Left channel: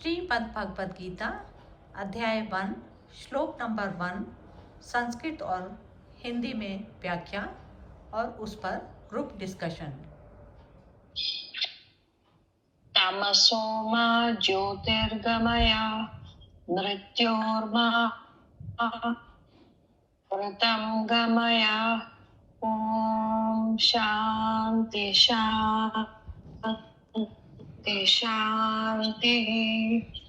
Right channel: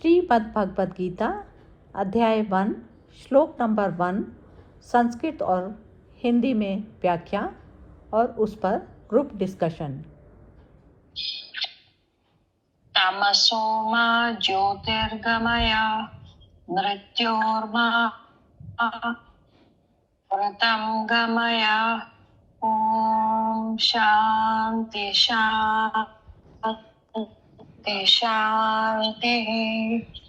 श्रीमद् भगवद गीता अध्याय 1 श्लोक नंबर 1 संस्कृत और हिंदी में व्याख्या और उस पर ग्रुप डिस्कशन। तमसो मा ज्योतिर्गमय मृत्योर्मा व्रतं गमय। ओम शांति शांति शांति।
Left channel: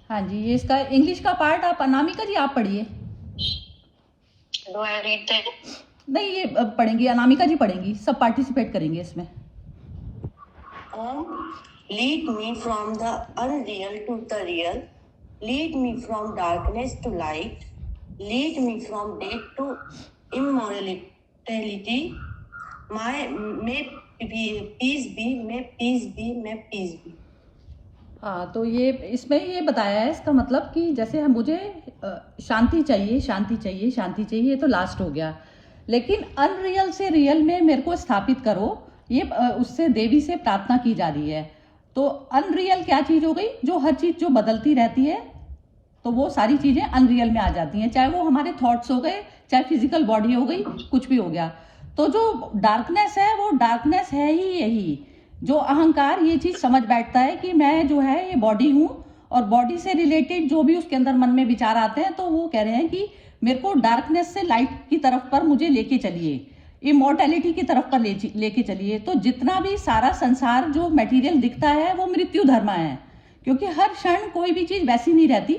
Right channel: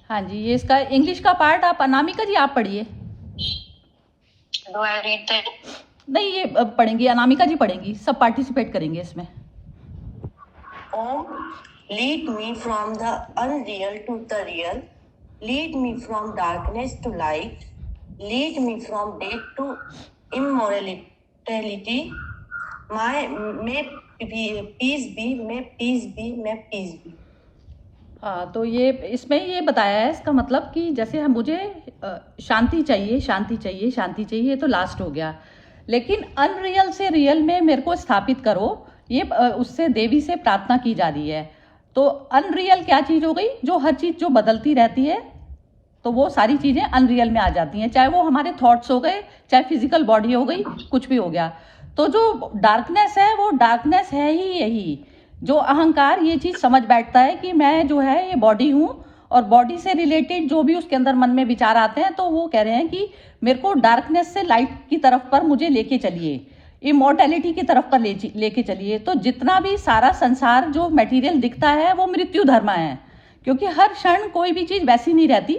हाँ जी, ये इसका इंग्लिश का पार्ट आप अनामिका जी आप पढ़िए। नहीं, ये पढ़ेंगी अनामिका जी पढ़ेंगी, सब पार्टिसिपेट करेंगे इसमें। Om, lead me from the unreal to the real, lead me from darkness to light, lead me from death to immortality. May peace be, may peace be, may peace be. हाँ, तो ये इसमें ये बताया है, इसका मतलब कि जैसे हम मुझे शांति चाहिए शांति चाहिए शांति चाहिए, ये तो लास्ट हो गया, लेकिन अनरियल से रियल में मेरे को स्थापित करो, ये उससे देवी से प्रार्थना की जा रही है। तो अनरियल क्या चीज़ हो गई? जो हर चीज़ जो बदलती रहती है, तो वो सारी चीज़ें अनरियल में आ जाती हैं, चाहे वो हमारे थॉट्स हो गए, चाहे फिजिकल बॉडी हो गई, कुछ भी हो गया। तो जो डार्कनेस है वो डार्कनेस है ही यही, जो अहंकार ये चीज़ समझ बैठता है कि मैं जो है ये बॉडी हूँ, और बॉडी से रिलेटेड जो भी उसके अंदर मन में विचार आते हैं, तो वो कह रहे हैं कि मेरे को डार्कनेस से लाइट की तरफ पर मुझे लेके चलिए, इमॉर्टैलिटी की तरफ पर लेके चलिए। तो जितना भी सारा संसार जो मटेरियल दिखता है वो मृत्यु धर्मा है, क्योंकि हर क्षण कोई भी चीज़ वैसी नहीं रहती।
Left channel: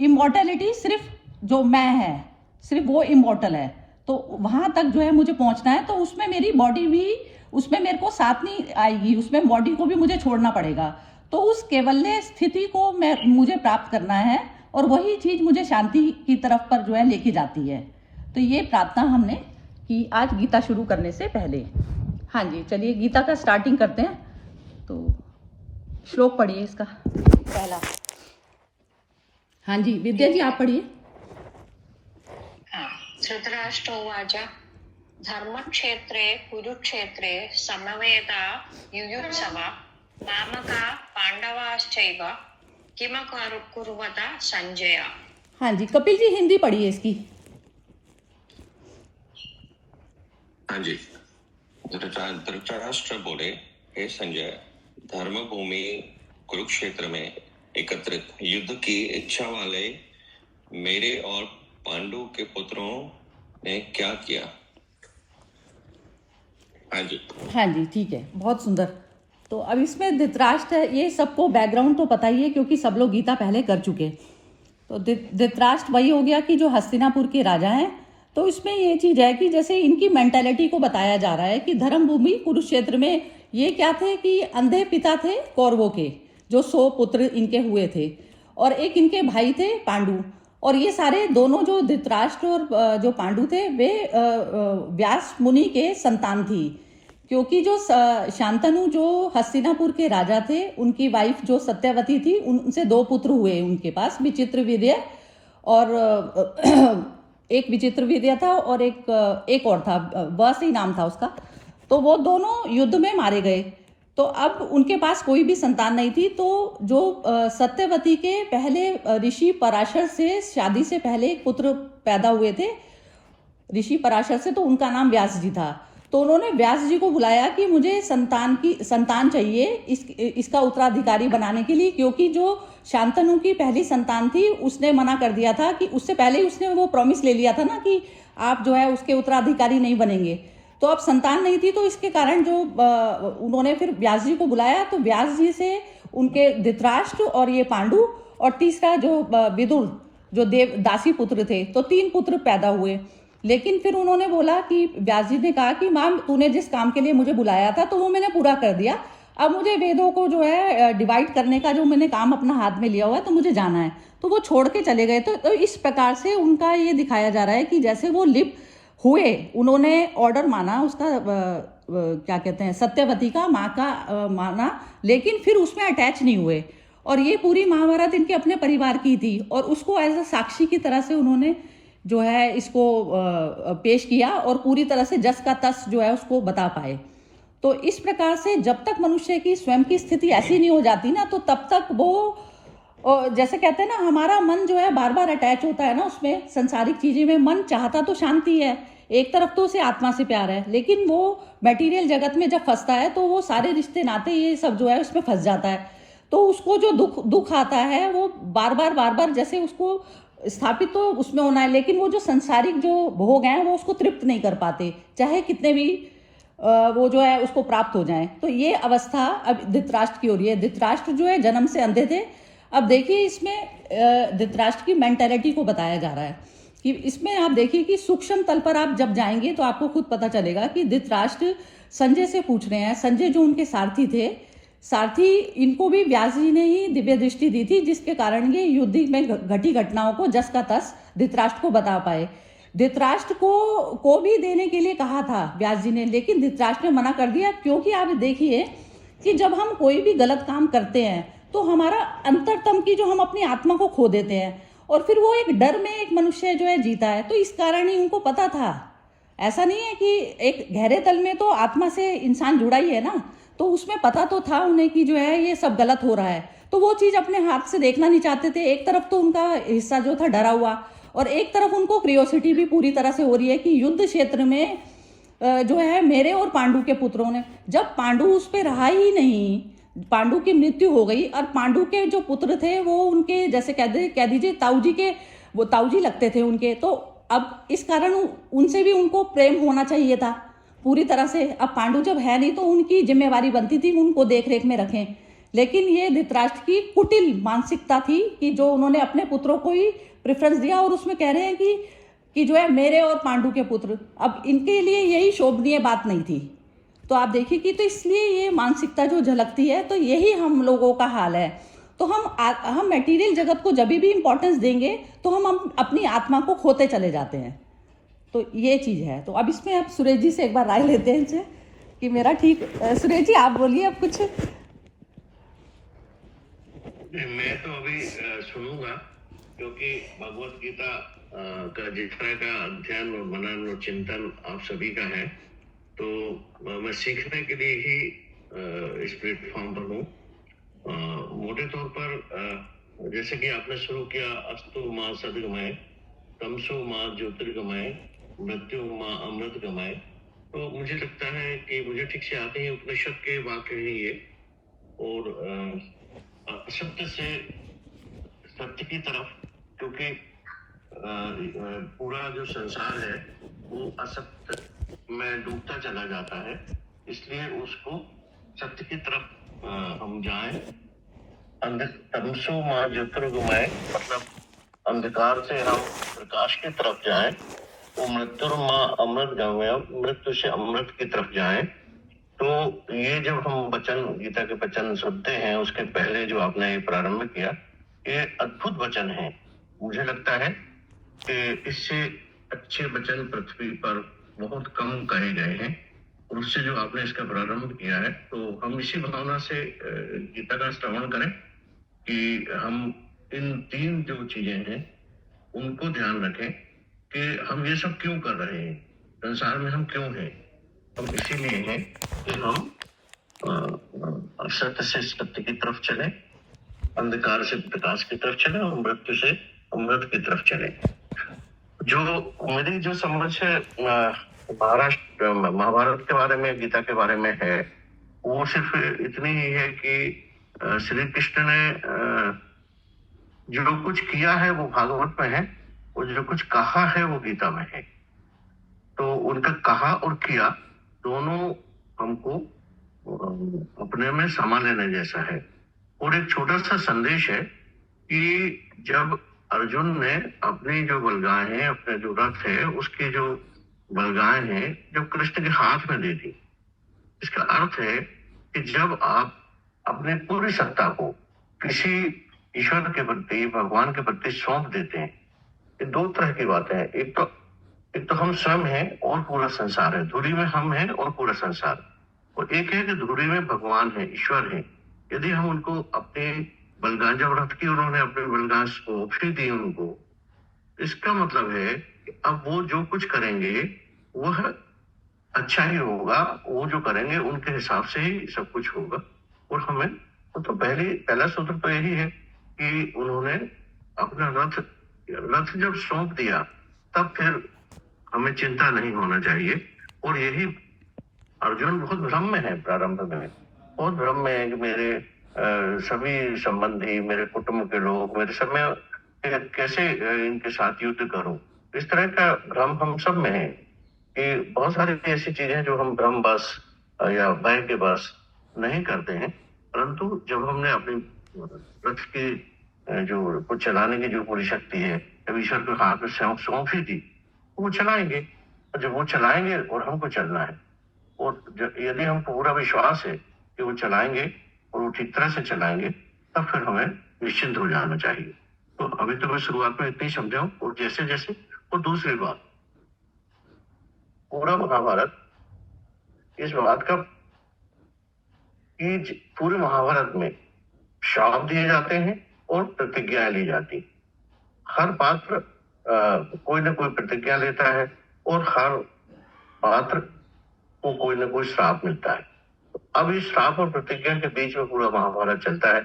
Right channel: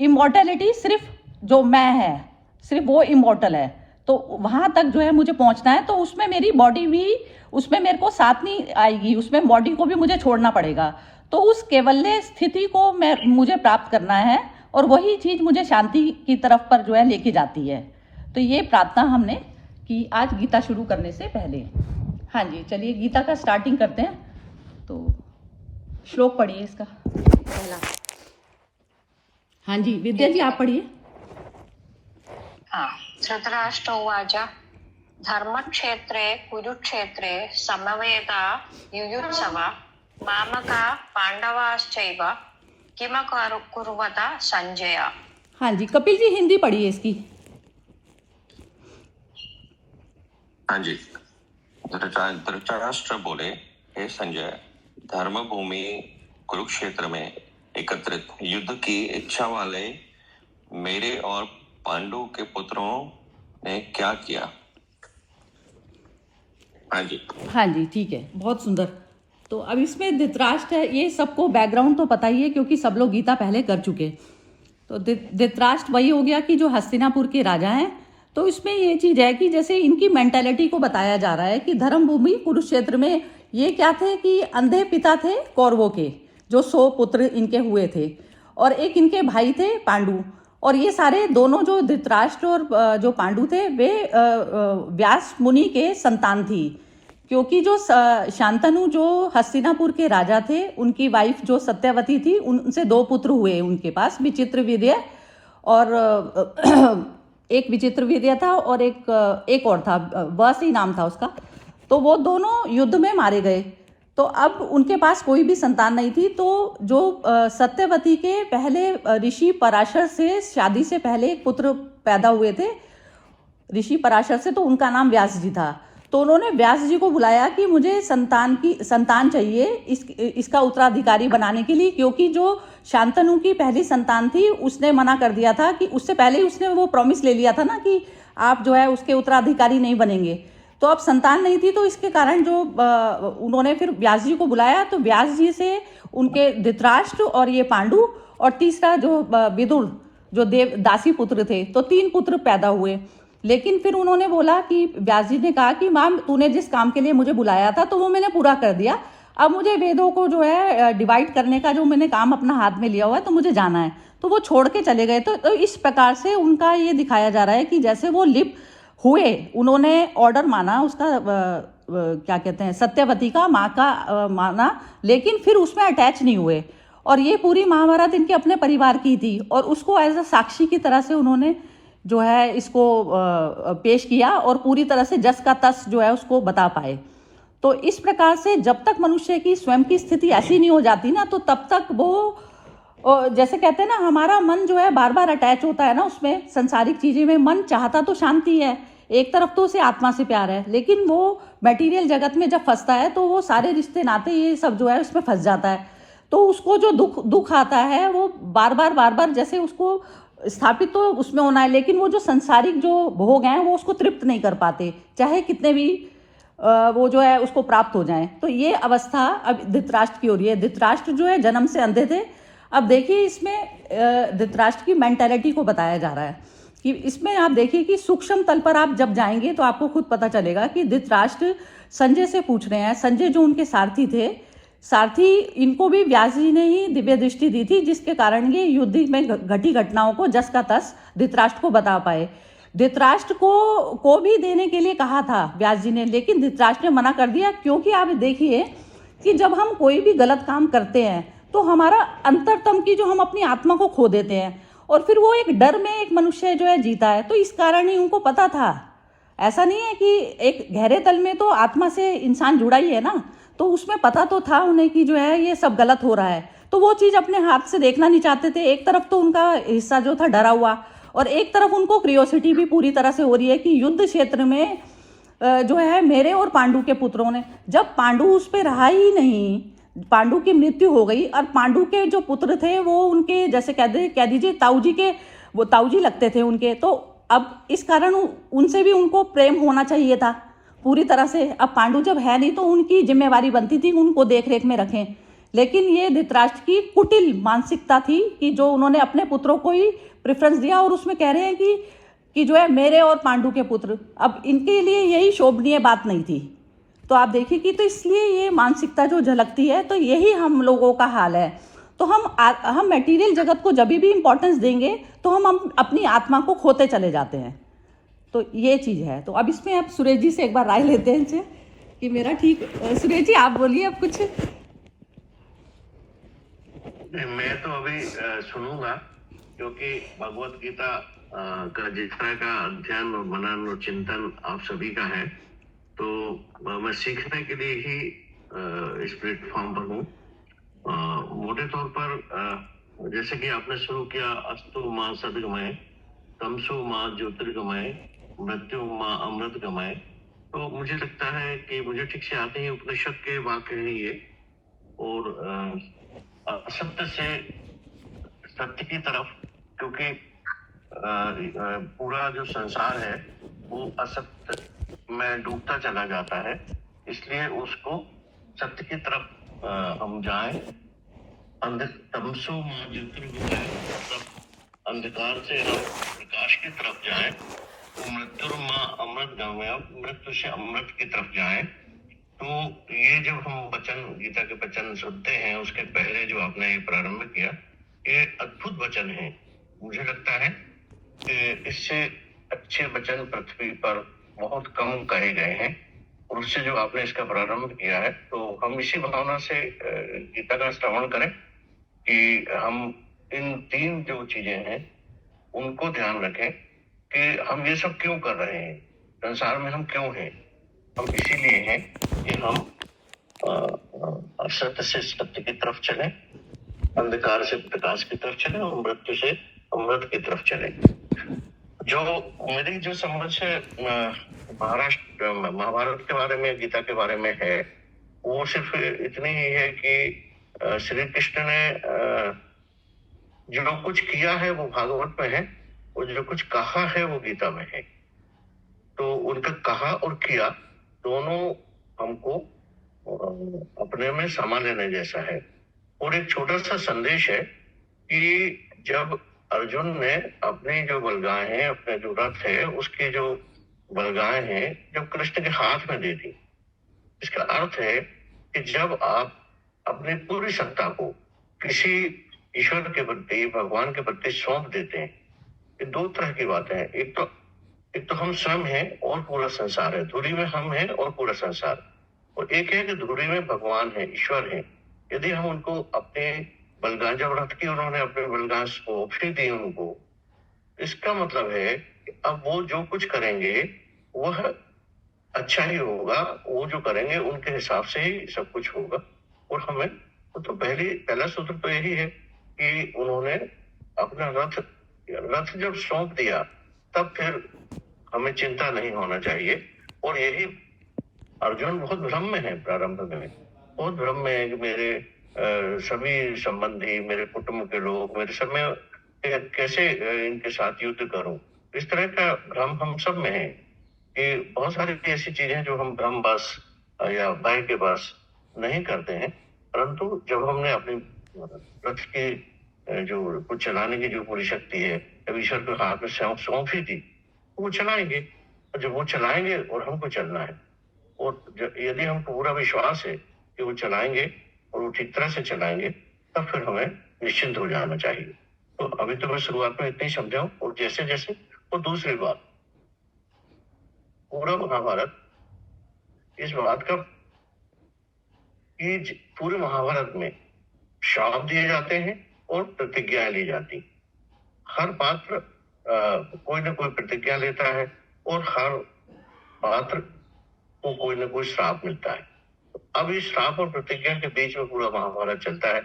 इमॉर्टैलिटी सिर्फ जो मैं है, सिर्फ वो इमॉर्टल है। तो वहाँ तक जो है मुझे पहुँचना है, तो उसमें मेरी बॉडी भी, उसमें मेरे को साथ नहीं आएगी, उसमें बॉडी को भी मुझे छोड़ना पड़ेगा। तो उस केवल्य स्थिति को मुझे प्राप्त करना है, और वही चीज़ मुझे शांति की तरफ पर जो है लेके जाती है। तो ये प्रार्थना हमने की आज गीता शुरू करने से पहले। हाँ जी, चलिए गीता का स्टार्टिंग करते हैं। तो श्लोक पढ़िए इसका पहला। हाँ जी, विद्या जी आप पढ़िए। हाँ, धृतराष्ट्र उवाच धर्मक्षेत्रे कुरुक्षेत्रे समवेता युयुत्सव मामका पांडवाश्चैव किमकुर्वता संजय। हाँ जी, कपिल जी हिंदी पढ़िए इसकी। हाँ जी, धृतराष्ट्र बोले, हे संजय, धर्म भूमि कुरुक्षेत्र में एकत्रित युद्ध की इच्छा वाले मेरे और पांडु के पुत्रों ने क्या किया। हाँ जी, हाँ जी, ठीक है, बहुत सुंदर। तो अब इसमें धृतराष्ट्र है, ये सबको बैकग्राउंड तो पता ही है क्योंकि सब लोग गीता पहले कर चुके। तो धृतराष्ट्र वही हो गया कि जो हस्तिनापुर के राजा हैं। तो इसमें ये चीज़ है कि जैसे इनकी मेंटालिटी को बताया जा रहा है कि धर्म भूमि कुरुक्षेत्र में ये क्या थे कि अंधे पिता थे कौरवों के, जो 100 पुत्र इनके हुए थे, और एक इनके भाई थे पांडु। और ये सारे दोनों जो धृतराष्ट्र और जो पांडु थे वे व्यास मुनि के संतान थी, क्योंकि जो शांतनु जो हस्तिनापुर के राजा थे, उनकी वाइफ जो सत्यवती थी, उनसे 2 पुत्र हुए उनके पास, विचित्रवीर्य और एक विचित्रवीर्य था और एक और था, वह ही नाम था उसका। तो वो दोनों युद्ध में मारे गए। तो अब उनके पास कोई भी संतान नहीं थी। तो जो सत्यवती के पहले ऋषि पराशर से शादी से पहले एक पुत्र पैदा हुए थे ऋषि पराशर से, तो उनका नाम व्यास जी था। तो उन्होंने व्यास जी को बुलाया कि मुझे संतान चाहिए इसका उत्तराधिकारी बनाने के लिए, क्योंकि जो शांतनु की पहली संतान थी उसने मना कर दिया था कि उससे पहले ही उसने वो प्रॉमिस ले लिया था ना कि आप जो है उसके उत्तराधिकारी नहीं बनेंगे। तो अब संतान नहीं थी, तो इसके कारण जो उन्होंने फिर व्यास जी को बुलाया। तो व्यास जी से उनके धृतराष्ट्र और ये पांडु और तीसरा जो विदुर जो दासी पुत्र थे, तो 3 पुत्र पैदा हुए। लेकिन फिर उन्होंने बोला कि व्यास जी ने कहा कि माँ, तूने जिस काम के लिए मुझे बुलाया था तो वो मैंने पूरा कर दिया, अब मुझे वेदों को जो है डिवाइड करने का जो मैंने काम अपना हाथ में लिया हुआ है, तो मुझे जाना है। तो वो छोड़ के चले गए। तो इस प्रकार से उनका ये दिखाया जा रहा है कि जैसे वो लिप्त हुए, उन्होंने ऑर्डर माना उसका, क्या कहते हैं, सत्यवती का, माँ का माना, लेकिन फिर उसमें अटैच नहीं हुए। और ये पूरी महाभारत इनके अपने परिवार की थी, और उसको एज अ साक्षी की तरह से उन्होंने जो है इसको पेश किया, और पूरी तरह से जस का तस जो है उसको बता पाए। तो इस प्रकार से जब तक मनुष्य की स्वयं की स्थिति ऐसी नहीं हो जाती ना, तो तब तक वो और जैसे कहते हैं ना, हमारा मन जो है बार बार अटैच होता है ना उसमें, संसारिक चीजें में मन चाहता तो शांति है, एक तरफ तो उसे आत्मा से प्यार है, लेकिन वो मटेरियल जगत में जब फंसता है तो वो सारे रिश्ते नाते ये सब जो है उसमें फंस जाता है। तो उसको जो दुख आता है वो बार बार जैसे उसको स्थापित तो उसमें होना है, लेकिन वो जो संसारिक जो भोग हैं वो उसको तृप्त नहीं कर पाते, चाहे कितने भी वो जो है उसको प्राप्त हो जाए। तो ये अवस्था अब धृतराष्ट्र की हो रही है। धृतराष्ट्र जो है जन्म से अंधे थे। अब देखिए इसमें धृतराष्ट्र की मेंटेलिटी को बताया जा रहा है कि इसमें आप देखिए कि सूक्ष्म तल पर आप जब जाएंगे तो आपको खुद पता चलेगा कि धृतराष्ट्र संजय से पूछ रहे हैं। संजय जो उनके सारथी थे, सारथी इनको भी व्यास जी ने ही दिव्य दृष्टि दी थी, जिसके कारण ये युद्ध में घटी घटनाओं को जस का तस धृतराष्ट्र को बता पाए। धृतराष्ट्र को भी देने के लिए कहा था व्यास जी ने, लेकिन धृतराष्ट्र ने मना कर दिया, क्योंकि आप देखिए कि जब हम कोई भी गलत काम करते हैं तो हमारा अंतरतम की जो हम अपनी आत्मा को खो देते हैं, और फिर वो एक डर में एक मनुष्य जो है जीता है। तो इस कारण ही उनको पता था, ऐसा नहीं है कि एक गहरे तल में तो आत्मा से इंसान जुड़ा ही है ना, तो उसमें पता तो था उन्हें कि जो है ये सब गलत हो रहा है। तो वो चीज अपने हाथ से देखना नहीं चाहते थे। एक तरफ तो उनका हिस्सा जो था डरा हुआ, और एक तरफ उनको क्रियोसिटी भी पूरी तरह से हो रही है कि युद्ध क्षेत्र में जो है मेरे और पांडु के पुत्रों ने, जब पांडु उस पर रहा ही नहीं, पांडु की मृत्यु हो गई, और पांडु के जो पुत्र थे वो उनके जैसे कह दीजिए ताऊजी के, वो ताऊजी लगते थे उनके। तो अब इस कारण उनसे भी उनको प्रेम होना चाहिए था पूरी तरह से। अब पांडु जब है नहीं तो उनकी जिम्मेवारी बनती थी उनको देख रेख में रखें, लेकिन ये धृतराष्ट्र की कुटिल मानसिकता थी कि जो उन्होंने अपने पुत्रों को ही प्रेफरेंस दिया, और उसमें कह रहे हैं कि जो है मेरे और पांडु के पुत्र, अब इनके लिए यही शोभनीय बात नहीं थी। तो आप देखिए कि तो इसलिए ये मानसिकता जो झलकती है, तो यही हम लोगों का हाल है। तो हम मटेरियल जगत को जब भी इंपॉर्टेंस देंगे तो हम अपनी आत्मा को खोते चले जाते हैं। तो ये चीज है। तो अब इसमें आप सुरेश जी से एक बार राय लेते हैं इनसे कि मेरा ठीक। सुरेश जी आप बोलिए अब कुछ। मैं तो अभी सुनूंगा, क्योंकि भगवत गीता का जितना का अध्ययन और मनन और चिंतन आप सभी का है, तो मैं सीखने के लिए ही इस प्लेटफॉर्म पर हूँ। मोटे तौर पर जैसे कि आपने शुरू किया, अस्तु माँ सदगमय, तमसु माँ ज्योतिर्गमय, मृत्यु माँ अमृत गमय, तो मुझे लगता है कि मुझे ठीक से आते ही उपनिषद के वाक्य है ये, और असत्य से सत्य की तरफ, क्योंकि पूरा जो संसार है वो असत्य में डूबता चला जाता है, इसलिए उसको सत्य की तरफ हम जाएं। तमसो माँ ज्योतिर्गमय, मतलब अंधकार से हम प्रकाश की तरफ जाएं, तो मृत्यु माँ अमृत गमय, मृत्यु से अमृत की तरफ जाएं। तो ये जब हम वचन, गीता के वचन सुनते हैं, उसके पहले जो आपने प्रारंभ किया, ये अद्भुत वचन है। मुझे लगता है कि इससे अच्छे वचन पृथ्वी पर बहुत कम कहे गए हैं, और उससे जो आपने इसका प्रारंभ किया है, तो हम इसी भावना से गीता का श्रवण करें कि हम इन तीन जो चीजें हैं उनको ध्यान रखें कि हम ये सब क्यों कर रहे हैं, संसार में हम क्यों हैं। हम इसीलिए हैं कि हम असत्य से सत्य की तरफ चले, अंधकार से प्रकाश की तरफ चले, और मृत्यु से अमृत की तरफ चले। जो मेरी जो समझ महाभारत के बारे में, गीता के बारे में है, वो सिर्फ इतनी ही है कि श्री कृष्ण ने जो कुछ किया है वो भागवत में है, और जो कुछ कहा है वो गीता में है। तो उनका कहा और किया दोनों हमको अपने में समा लेने जैसा है। और एक छोटा सा संदेश है कि जब अर्जुन ने अपनी जो बलगाएं हैं, अपने जो रथ है, उसकी जो बलगाएं हैं, जब कृष्ण के हाथ में दे दी, इसका अर्थ है कि जब आप अपनी पूरी सत्ता को किसी ईश्वर के प्रति, भगवान के प्रति सौंप देते हैं, ये दो तरह की बातें हैं। एक तो हम स्वयं हैं और पूरा संसार है, धुरी में हम हैं और पूरा संसार, और एक है कि धुरी में भगवान है, ईश्वर है। यदि हम उनको अपने बलगां, जब रथ की उन्होंने अपने बलगां सौंपी दी उनको, इसका मतलब है कि अब वो जो कुछ करेंगे वह अच्छा ही होगा, वो जो करेंगे उनके हिसाब से ही सब कुछ होगा। और हमें तो पहला सूत्र तो यही है कि उन्होंने अपना रथ जब सौंप दिया तब फिर हमें चिंता नहीं होना चाहिए। और यही अर्जुन बहुत भ्रम में है, प्रारंभ में बहुत भ्रम में है कि मेरे सभी संबंधी, मेरे कुटुंब के लोग, मेरे सब में कैसे इनके साथ युद्ध करूं। इस तरह का भ्रम हम सब में है कि बहुत सारी ऐसी चीजें जो हम भ्रमवश या भय के वश नहीं करते हैं, परंतु जब हमने अपनी रथ के जो को चलाने की जो पूरी शक्ति है जब ईश्वर के हाथ में सौंप ही दी, वो चलाएंगे। और जब वो चलाएंगे और हमको चलना है, और यदि हमको पूरा विश्वास है कि वो चलाएंगे और वो ठीक तरह से चलाएंगे, तब फिर हमें निश्चिंत हो जाना चाहिए। तो अभी तो मैं शुरुआत में इतना ही समझाऊं, और जैसे जैसे, और दूसरी बात, पूरा महाभारत इस बात का कि पूरे महाभारत में श्राप दिए जाते हैं और प्रतिज्ञाएं ली जाती। हर पात्र कोई ना कोई प्रतिज्ञा लेता है और हर पात्र को कोई ना कोई श्राप मिलता है। अब इस श्राप और प्रतिज्ञा के बीच में पूरा महाभारत चलता है।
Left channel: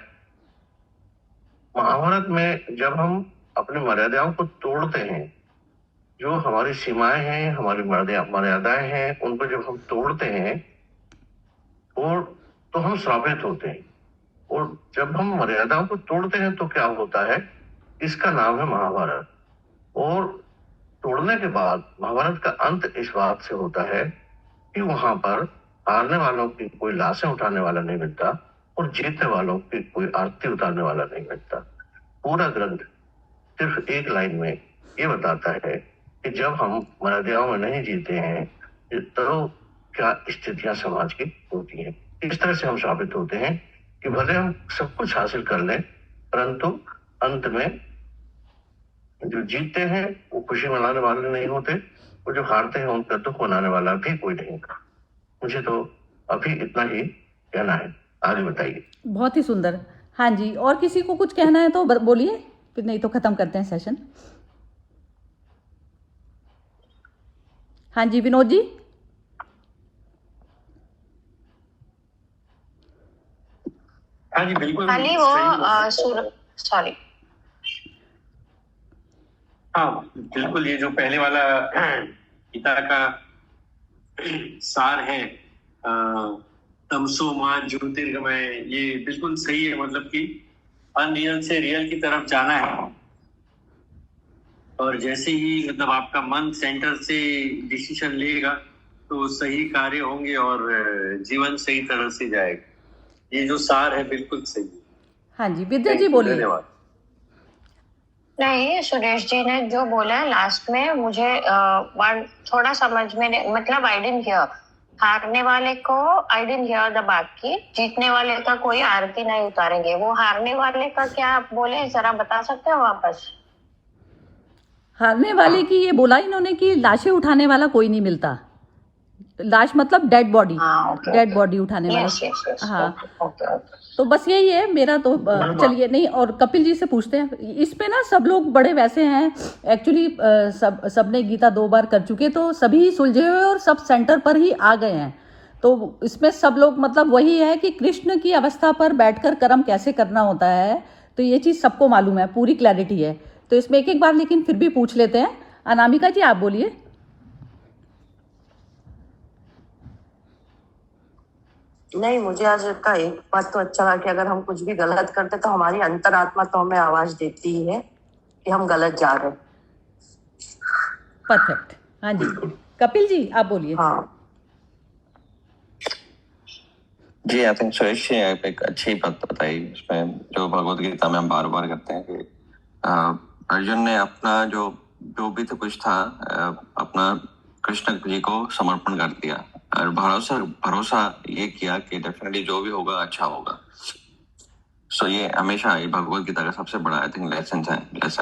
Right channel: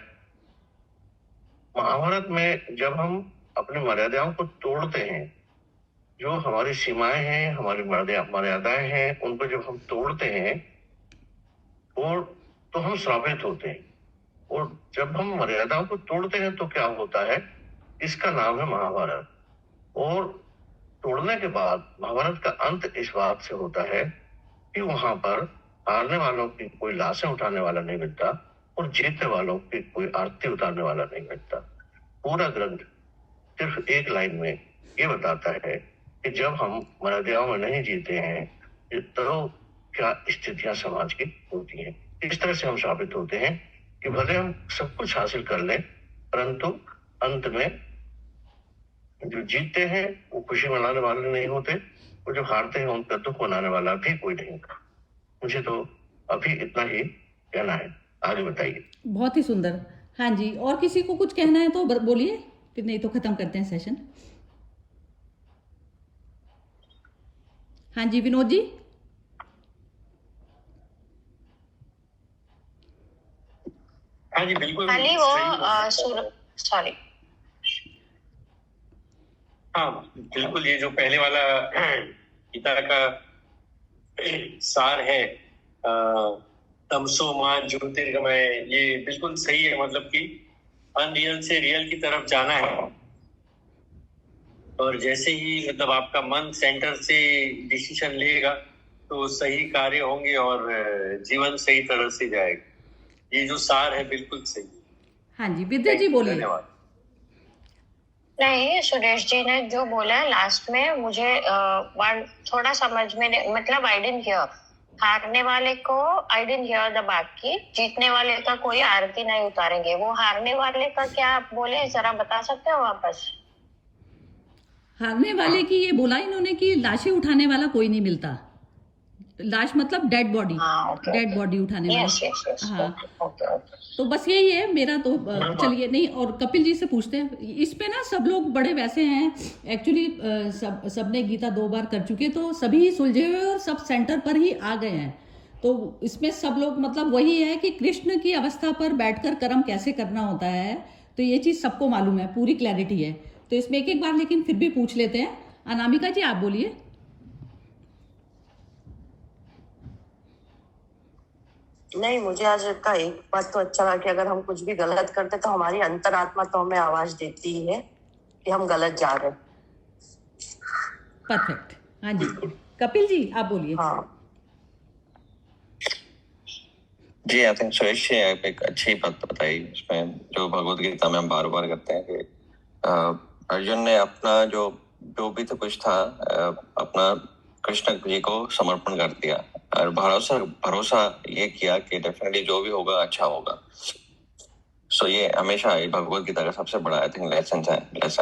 महाभारत में जब हम अपनी मर्यादाओं को तोड़ते हैं, जो हमारी सीमाएं हैं, हमारी मर्यादाएं हैं, उनको जब हम तोड़ते हैं और तो हम श्रापित होते हैं। और जब हम मर्यादाओं को तोड़ते हैं तो क्या होता है, इसका नाम है महाभारत। और तोड़ने के बाद महाभारत का अंत इस बात से होता है कि वहां पर हारने वालों की कोई लाशें उठाने वाला नहीं मिलता और जीतने वालों की कोई आरती उतारने वाला नहीं मिलता। पूरा ग्रंथ सिर्फ एक लाइन में ये बताता है कि जब हम मर्यादाओं में नहीं जीते हैं तो क्या स्थितियां समाज की होती हैं। इस तरह से हम साबित होते हैं कि भले हम सब कुछ हासिल कर लें, परंतु अंत में जो जीतते हैं वो खुशी मनाने वाले नहीं होते, और जो हारते हैं उनका दुख मनाने वाला भी कोई नहीं होता। मुझे तो अभी इतना ही कहना है, आगे बताइए। बहुत ही सुंदर। हाँ जी, और किसी को कुछ कहना है तो बोलिए, फिर नहीं तो खत्म करते हैं सेशन। हाँ जी, विनोद जी। हाँ जी बिल्कुल। खाली वो सॉरी, हाँ बिल्कुल, ये जो पहले वाला गीता का सार है, तमसो मां ज्योतिर्गमय, ये बिल्कुल सही है। मतलब कि अनरियल से रियल की तरफ जाना है, और जैसे ही मतलब आपका मन सेंटर से डिसीजन लेगा तो सही कार्य होंगे और जीवन सही तरह से जाएगा। ये जो सार है बिल्कुल सही। हाँ जी, विद्या जी बोलिए। धन्यवाद। नहीं, सुरेश जी ने जो बोला लास्ट में मुझे थोड़ा समझ में नहीं, मतलब आई डिडंट हियर। हारने वाले को आई डिडंट हियर द बात की, जीतने वाले का कोई आरती नहीं उतारेंगे। वो हारने वाले का क्या आप बोले, जरा बता सकते हो वापस? हारने वाले की ये बोला इन्होंने कि लाशें उठाने वाला कोई नहीं मिलता। लाश मतलब डेड बॉडी, डेड बॉडी उठाने वाला। हाँ, तो बस यही है मेरा तो। चलिए, नहीं, और कपिल जी से पूछते हैं। इस पे ना सब लोग बड़े वैसे हैं एक्चुअली, सबने गीता 2 बार कर चुके, तो सभी सुलझे हुए और सब सेंटर पर ही आ गए हैं। तो इसमें सब लोग मतलब वही है कि कृष्ण की अवस्था पर बैठकर कर्म कैसे करना होता है, तो ये चीज सबको मालूम है, पूरी क्लैरिटी है। तो इसमें एक एक बार लेकिन फिर भी पूछ लेते हैं। अनामिका जी आप बोलिए। नहीं, मुझे आज का एक बात तो अच्छा लगा कि अगर हम कुछ भी गलत करते तो हमारी अंतरात्मा तो हमें आवाज देती ही है कि हम गलत जा रहे हैं। परफेक्ट। हाँ जी, कपिल जी आप बोलिए। हाँ जी, आई थिंक सुरेश जी ने एक अच्छी बात बताई। इसमें जो भगवत गीता में हम बार बार करते हैं कि अर्जुन ने अपना जो भी तो कुछ था अपना कृष्ण जी को समर्पण कर दिया, और भरोसा ये किया कि डेफिनेटली जो भी होगा अच्छा होगा। सो ये हमेशा ये भगवत गीता का सबसे बड़ा आई थिंक लेसन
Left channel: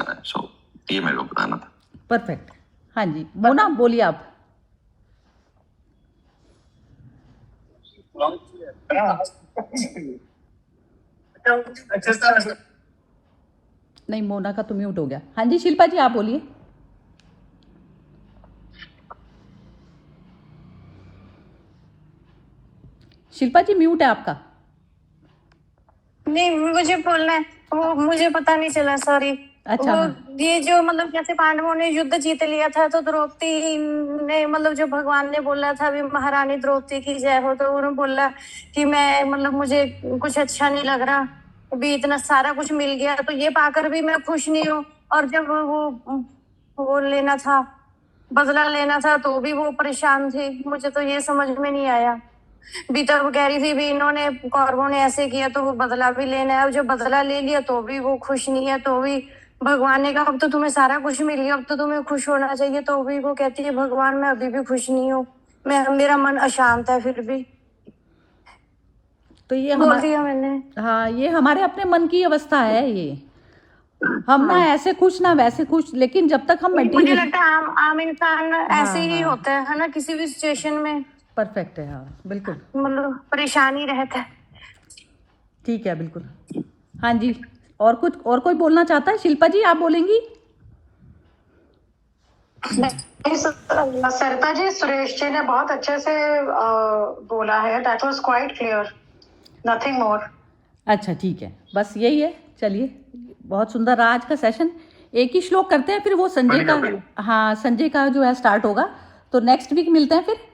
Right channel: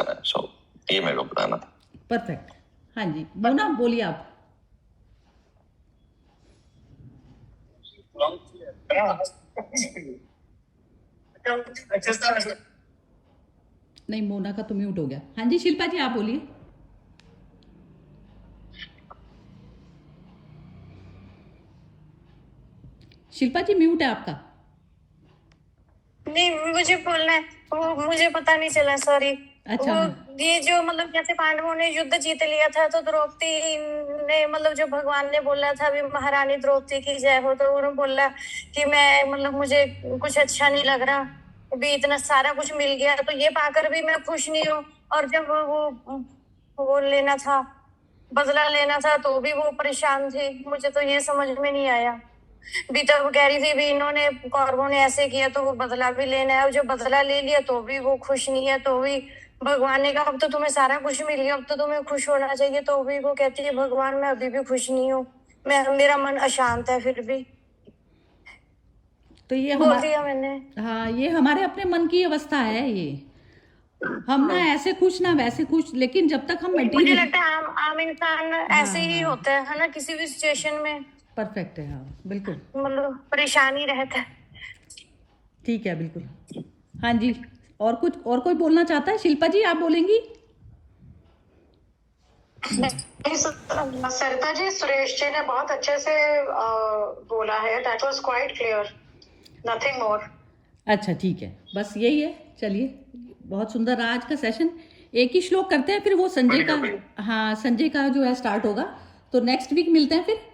है। सो ये मेरे को बताना था। परफेक्ट। हाँ जी, मोना बोलिए आप। नहीं, मोना का तो म्यूट हो गया। हाँ जी, शिल्पा जी आप बोलिए। शिल्पा जी म्यूट है आपका। नहीं, मुझे बोलना है। वो मुझे पता नहीं चला, सॉरी। अच्छा, वो हाँ। ये जो मतलब जैसे पांडवों ने युद्ध जीत लिया था, तो द्रौपदी ने मतलब जो भगवान ने बोला था अभी महारानी द्रौपदी की जय हो, तो उन्होंने बोला कि मैं मतलब मुझे कुछ अच्छा नहीं लग रहा, अभी इतना सारा कुछ मिल गया तो ये पाकर भी मैं खुश नहीं हूँ। और जब वो लेना था, बदला लेना था, तो भी वो परेशान थे। मुझे तो ये समझ में नहीं आया। बीता वो कह रही थी भी इन्होंने कौरवों ने ऐसे किया तो वो बदला भी लेना है, और जो बदला ले लिया तो भी वो खुश नहीं है। तो भी भगवान ने कहा अब तो तुम्हें सारा कुछ मिल गया, अब तो तुम्हें खुश होना चाहिए। तो भी वो कहती है भगवान मैं अभी भी खुश नहीं हूँ, मेरा मन अशांत है फिर भी। तो ये बोल हमारे, दिया मैंने। हाँ, ये हमारे अपने मन की अवस्था है। ये हम ना ऐसे खुश ना वैसे खुश, लेकिन जब तक हम मुझे मटेरियल, लगता है आम इंसान ऐसे ही हाँ। होते हैं, है ना, किसी भी सिचुएशन में परफेक्ट है, हाँ बिल्कुल मतलब परेशान ही रहता है। ठीक है, बिल्कुल। हाँ जी, और कुछ, और कोई बोलना चाहता है? शिल्पा जी आप बोलेंगी? सरिता जी, सुरेश जी ने बहुत अच्छे से बोला है, that was quite clear, nothing more. अच्छा ठीक है, बस यही है। चलिए, बहुत सुंदर रहा आज का सेशन। एक ही श्लोक करते हैं, फिर वो संजय का, हाँ संजय का जो है स्टार्ट होगा, तो नेक्स्ट वीक मिलते हैं फिर।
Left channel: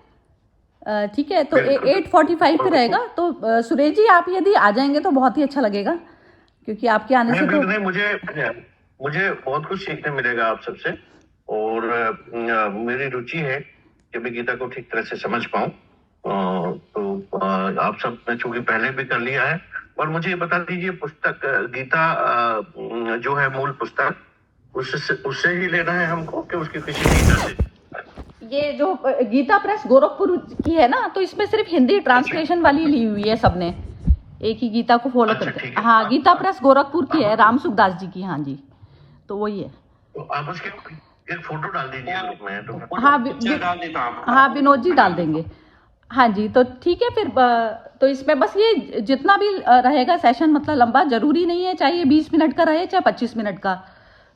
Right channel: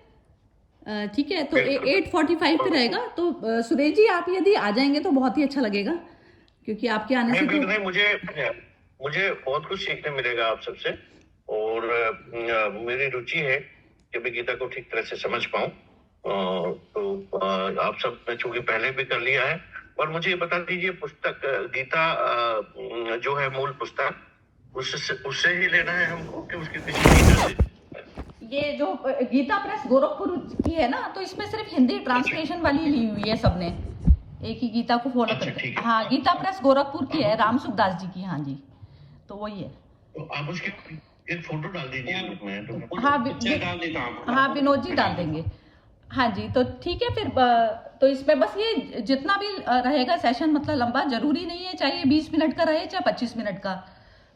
ठीक है, तो 8:45 पे रहेगा। तो सुरेश जी आप यदि आ जाएंगे तो बहुत ही अच्छा लगेगा, क्योंकि आपके आने से तो नहीं, मुझे बहुत कुछ सीखने मिलेगा आप सबसे, और मेरी रुचि है कि मैं गीता को ठीक तरह से समझ पाऊँ। तो आप सब ने चूंकि पहले भी कर लिया है, और मुझे ये बता दीजिए पुस्तक गीता जो है मूल पुस्तक, उससे ही लेना है हमको कि उसके किसी? ये जो गीता प्रेस गोरखपुर की है ना, तो इसमें सिर्फ हिंदी ट्रांसलेशन वाली ली हुई है सबने, एक ही गीता को फॉलो करके। हाँ, गीता प्रेस गोरखपुर की है, राम सुखदास जी की। हाँ जी, तो वही है। तो आप उसकी एक फोटो डाल दीजिए मैं तो। हाँ, विनोद जी डाल देंगे। हाँ जी, तो ठीक है फिर। तो इसमें बस ये जितना भी रहेगा सेशन, मतलब लंबा जरूरी नहीं है, चाहे 20 मिनट का रहे चाहे 25 मिनट का।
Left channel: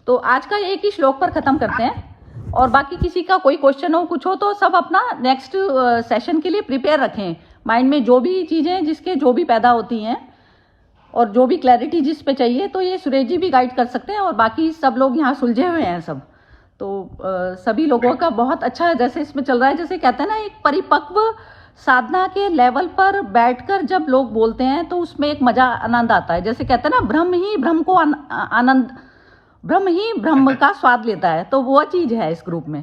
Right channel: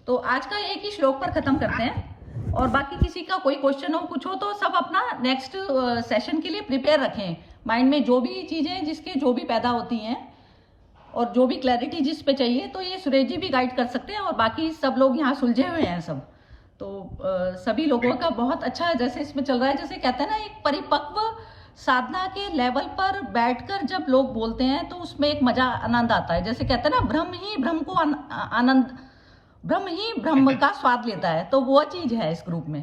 तो आज का एक ही श्लोक पर खत्म करते हैं, और बाकी किसी का कोई क्वेश्चन हो, कुछ हो, तो सब अपना नेक्स्ट सेशन के लिए प्रिपेयर रखें माइंड में, जो भी चीज़ें जिसके जो भी पैदा होती हैं और जो भी क्लैरिटी जिस पे चाहिए, तो ये सुरेश जी भी गाइड कर सकते हैं, और बाकी सब लोग यहाँ सुलझे हुए हैं सब। तो सभी लोगों का बहुत अच्छा जैसे इसमें चल रहा है, जैसे कहते हैं ना, एक परिपक्व साधना के लेवल पर बैठकर जब लोग बोलते हैं तो उसमें एक मजा आनंद आता है। जैसे कहते हैं ना, ब्रह्म ही ब्रह्म को आनंद, ब्रह्म ही ब्रह्म का स्वाद लेता है, तो वो चीज है इस ग्रुप में।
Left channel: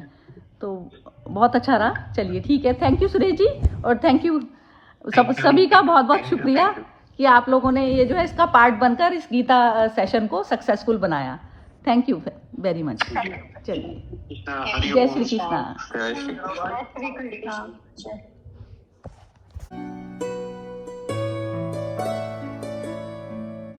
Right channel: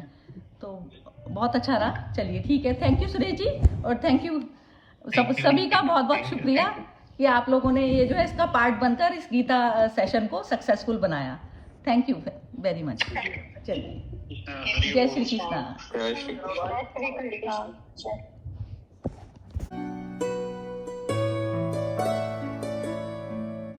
तो बहुत अच्छा रहा। चलिए ठीक है, थैंक यू सुरेश जी, और थैंक यू सभी का बहुत बहुत शुक्रिया कि आप लोगों ने ये जो है इसका पार्ट बनकर इस गीता सेशन को सक्सेसफुल बनाया। Thank you very much. चलिए, जय श्री कृष्णा। जय श्री कृष्ण।